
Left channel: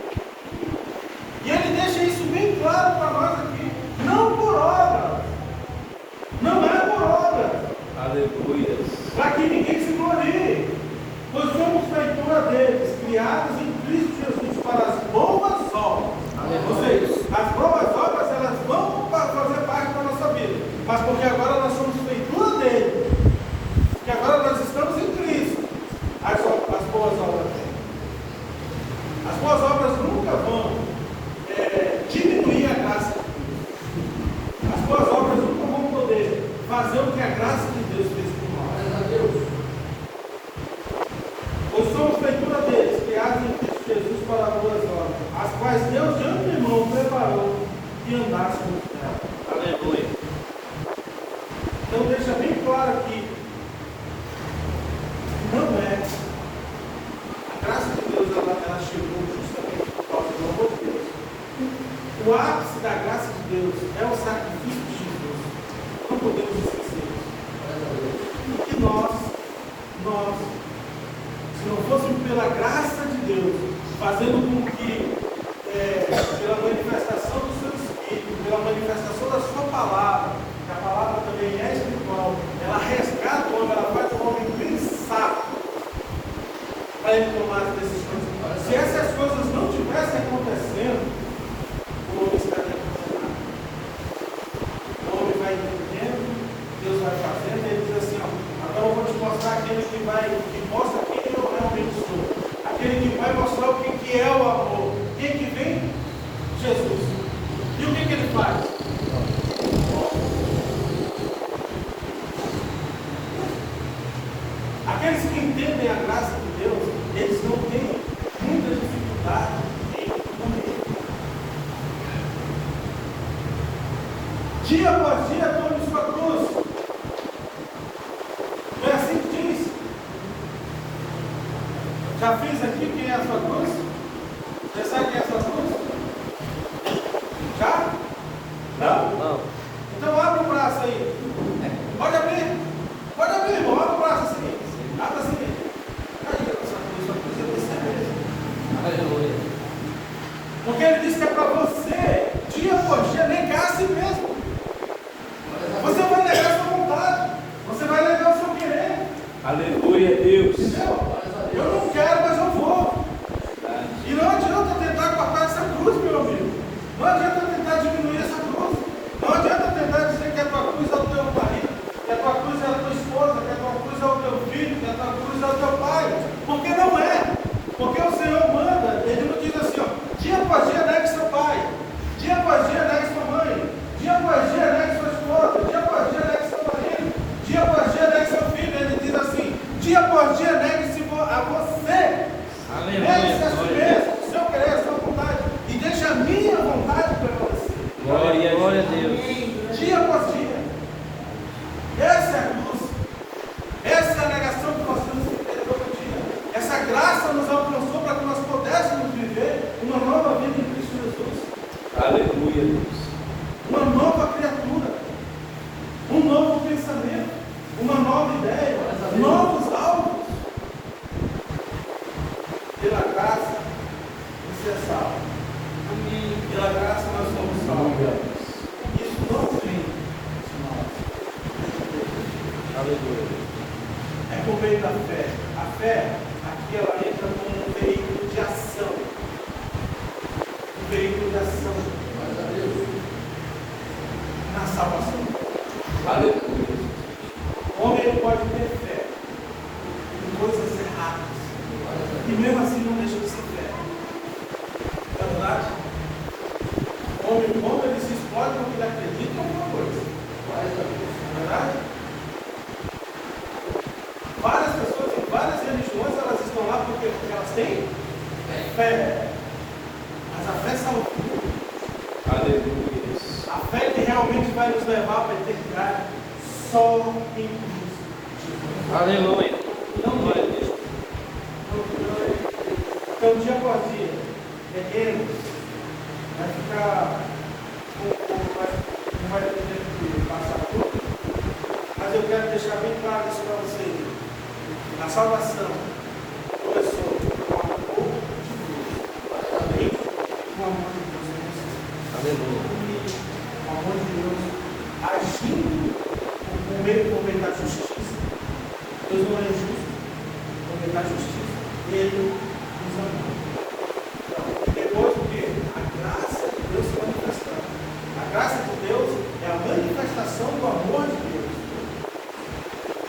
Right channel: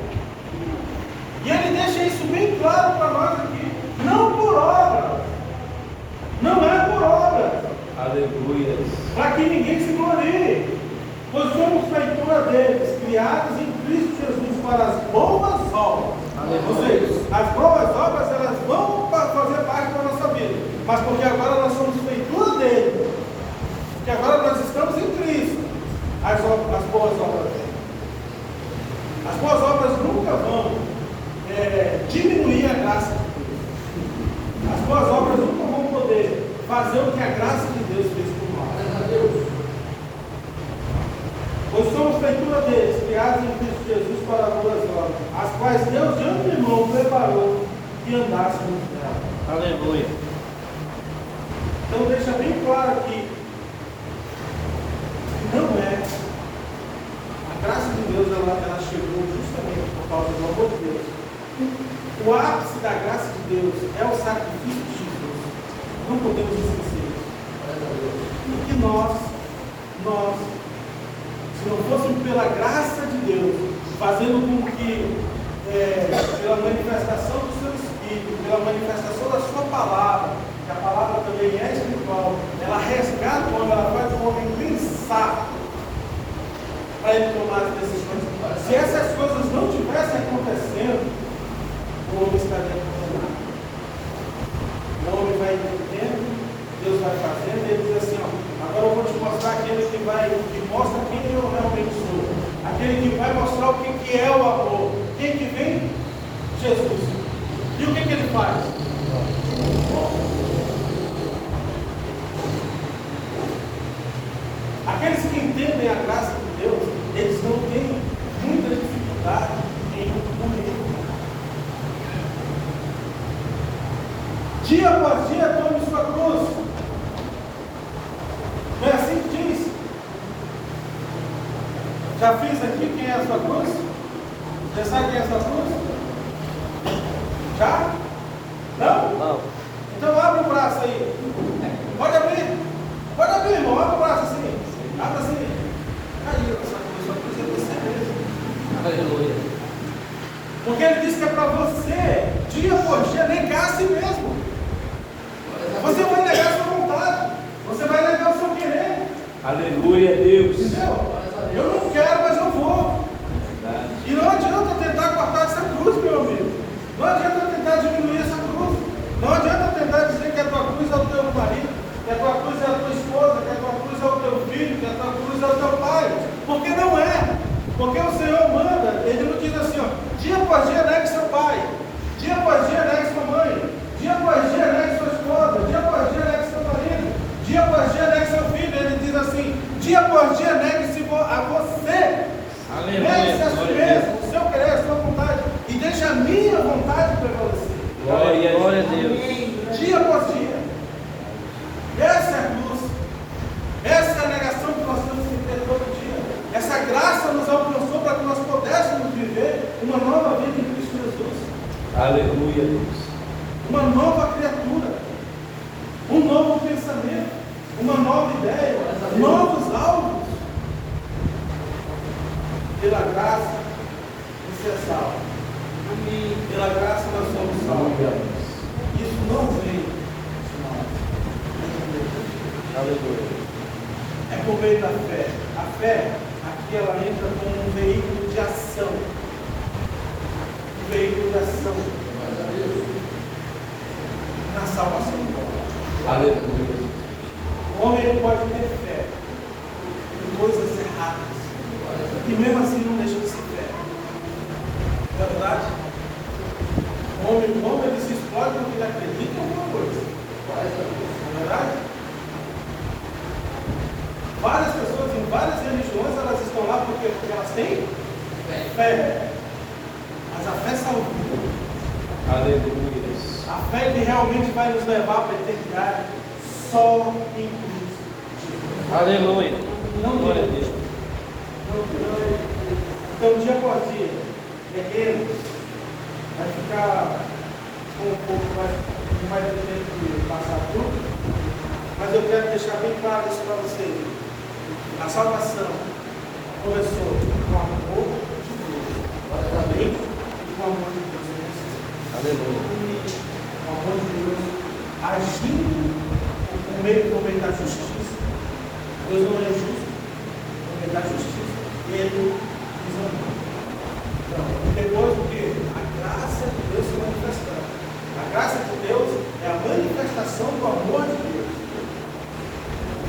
E ele deixa isso bem claro para nós aqui. Não por obra. Não é por obra. Aleluia. Para que ninguém se glorie. Pois somos feitura deles, criados em Cristo Jesus para as boas obras. Ou seja, as boas obras elas vão fazer parte da nossa vida. Mas porque agora nós somos feitura dele. Porque agora nós estamos em Cristo. As boas obras. As boas obras nunca vão diminuir a graça de Deus. As boas obras nunca vão poder fazer o que a graça de Deus fez por nós. Pois somos feitura deles, criados em Cristo Jesus para as boas obras, as quais Deus de antemão preparou e andássemos nela. Aleluia. Então deixa bem claro aqui que não é. A graça de Deus ela chegou justamente por causa do amor de Deus. O ápice da graça de Deus é o sacrifício de Jesus. Não podemos esquecer isso. E nós, se não fôssemos pela graça de Deus, fazendo com que, pela manifestação do seu Espírito, pela manifestação da sua palavra, que a palavra também é espiritual, ela resgata o homem, ela faz o homem pensar para ele tomar as decisões. Se essas coisas não estivessem acontecendo, o homem está dentro. O homem vai entendendo, Deus vai fazendo, e ele diz assim: ó, agora eu vou te mostrar aquele que mostra quem eu realmente sou, aquele que vai mostrar o que é o amor. Quem que vem? Jesus. E o que ele faz? Aqueles que entendem a graça de Deus, eles não têm muita dificuldade em compreender. Dia após dia, tome sua cruz. Não é assim que diz? Já fiz aqui quem é a sua cruz? Você sabe quem é a sua cruz? Já? Não? Não. Então abre o braço aí. Pode abrir. Pode abrir, irmão. Abre o braço assim. Abre assim. Aí, essa cruz é você mesmo. Aleluia. Porque ele diz que é para você, dia por dia, negar a si mesmo. Você vai negar a sua vontade. Você vai negar o seu querer. Aleluia, Deus. Entendeu? Eu não quero, mas eu vou. E não adianta tentar cortar essa cruz, meu amigo. Não adianta tentar diminuir essa cruz. Não adianta tentar dizer que a tua cruz é o teu marido, que a tua cruz é a tua esposa, que a tua cruz é o teu filho, que a tua cruz é o teu pai. Porque não é. Porque o Senhor manda, ele não diz assim, ó, dia após dia negue seu pai, dia após dia negue sua mãe, dia após dia negue sua esposa, dia após dia negue seu marido, dia após dia negue Essa é a negação que nós temos que ter todo dia. Essa graça nos alcançou para que nós pudéssemos viver uma nova vida em Cristo Jesus. Aleluia, Deus. Uma nova criatura. Um novo pensamento. Uma nova ideia. Novos alvos. Pela graça de ser salvo. Pela graça nós somos salvos. Isso não vem de nós. Aleluia. É por meio da fé. A fé, aqui ela entra como um veículo de ação. Um veículo de ação. Na salvação. Aleluia. O homem ele pode ter fé em coisas erradas. E mesmo assim não deixa de ser fé. É verdade? O homem ele se explode porque ele acredita em alguma coisa. É verdade? Várias pessoas em várias religiões elas estão lá porque elas têm fé. Mas a fé salva. Aleluia. A fé que realmente vai nos levar para a eternidade só em Cristo Jesus. Aleluia. Não Glória a Deus. Então, dia após dia, devemos, vai ficar um pouco mais, não vai ter jeito de passar tudo, mas eu quero deixar bem claro isso para vocês. A salvação começou com o amor de Deus, também com o amor de Deus. Aleluia. O amor de Deus agindo por meio da justiça. Deus não é justo, por meio da justiça. E Ele nos amou. Então, depois do que? A graça de Deus se manifestando. A graça de Deus é a manifestação do amor de Deus.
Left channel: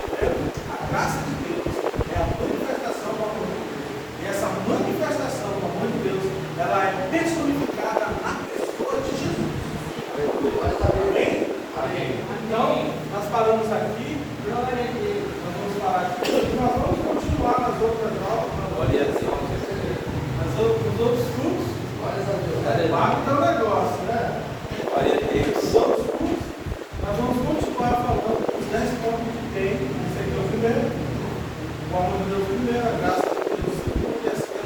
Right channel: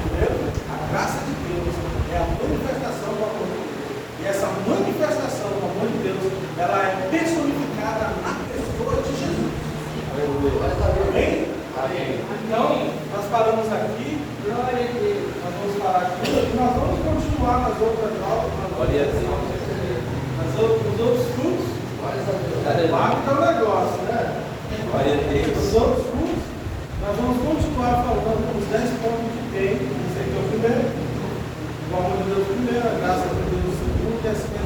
Entendeu? A graça de Deus é a manifestação do amor de Deus. E essa manifestação do amor de Deus, ela é personificada na pessoa de Jesus. Amém? Amém. Então, nós falamos aqui, nós vamos falar aqui, nós vamos continuar nas outras aulas, Glória a Deus. nos outros cursos. Lá que está o negócio, né? Glória a Deus. Os outros cursos, nós vamos continuar falando os 10 pontos que tem, esse aqui é o primeiro. O amor de Deus primeiro, a graça de Deus segundo, e assim